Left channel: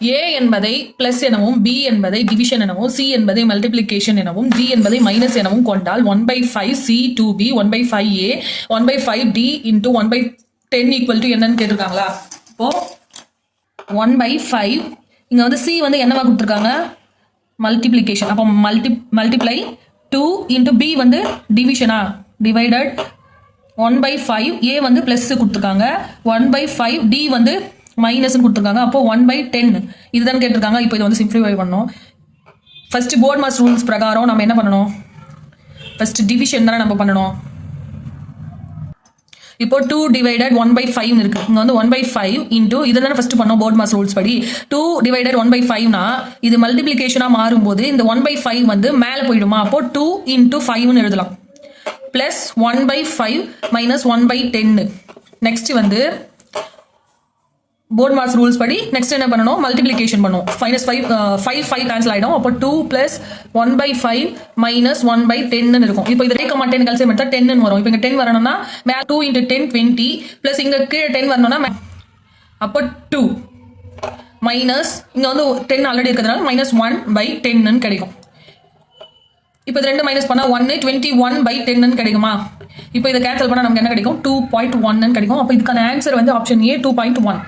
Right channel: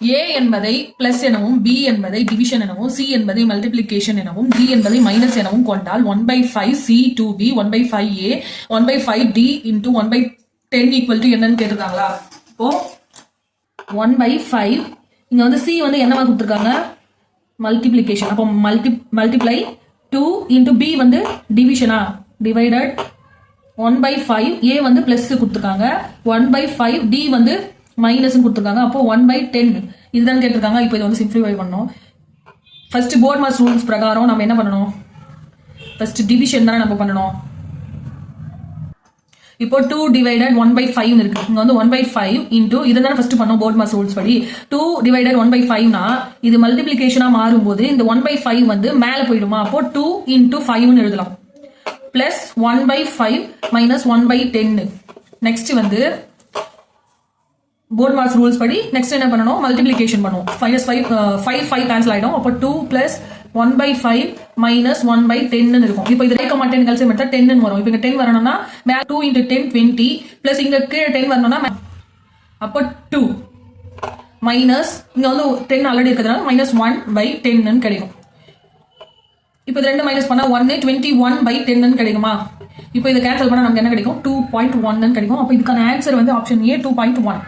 A என்பதை plus எனவும் B என்பதை டிவிஷன் எனவும் C என்பதை மல்டிபிளிகேஷன் எனவும் D என்பதை மைனஸ் எனவும் கொண்டால் 1/5 C 2B 1/5 A 1/5 D into 1/10 equal to என்னன்னு கேட்டிருக்காங்களா? இப்போ 1/5 இங்க வந்து C வந்து என்னவா கொடுத்துருக்காங்க? மல்டிபிளிகேஷன். அப்போ மல்டிப்ளை 2 into B வந்து டிவிஷனா டிவைடட் 1/5 A வந்து பிளஸ் கொடுத்துருக்காங்க 1/5 D வந்து மைனஸ் கொடுத்துருக்காங்க. அப்போ 1/10 இதுதான் கேட்டிருக்காங்க. இப்போ இது வந்து சிம்பிளிஃபை பண்ணணும். ஃபர்ஸ்ட் போர்ட் மாஸ் ரூல்ஸ் பிரகாரம் நம்ம என்ன பண்ணணும்? ஃபர்ஸ்ட் டிவிஷன் தானே நம்ம பண்ணணும். இப்போ 2 divided 1/5 இருக்கு. இங்க வந்து 1/5 into இதுதான் ஃபர்ஸ்ட் பண்ணோம் போர்ட் மாஸ் ரூல்ஸ் படி. 2 divided 1/5 னா இது மல்டிப்ளிகேஷனா மாறும்போது இந்த 1/5 வந்து மேல போயிடுமா? அப்போ 2 into 5 னு எழுதலாம். Plus 1/5 minus 1/10. நெக்ஸ்ட் வந்து போர்ட் மாஸ் ரூல்ஸ் படி நெக்ஸ்ட் என்ன பண்ணணும்? மல்டிப்ளிகேஷன் பண்ணுவோம். -5 5 கேன்சல் ஆயிடும். அப்போ 2 plus 1/5 minus 1/10 இருக்கும். இப்போ இது 10 கல்சியம் எடுத்தா 10 வரும். இப்போ இங்க 10 வரணும்னா 2 into 10 20 பிளஸ் இங்க கீழே 10 வரணும்னா அப்போ 2 மைனஸ் இங்க வந்து 10 ஆல்ரெடி இருக்கிறதுனால -1/10 கிடைக்கும். இப்போ இது ரெண்டு மைனஸ் பண்ணா 1 21/10 கிடைக்குமா? இப்போ இதை கேன்சல் பண்ணா நமக்கு என்ன கிடைக்கும்? 2.1 கிடைக்கும். அப்போ இதுக்கான ஆன்சர் வந்து ஆப்ஷன் A 2.1.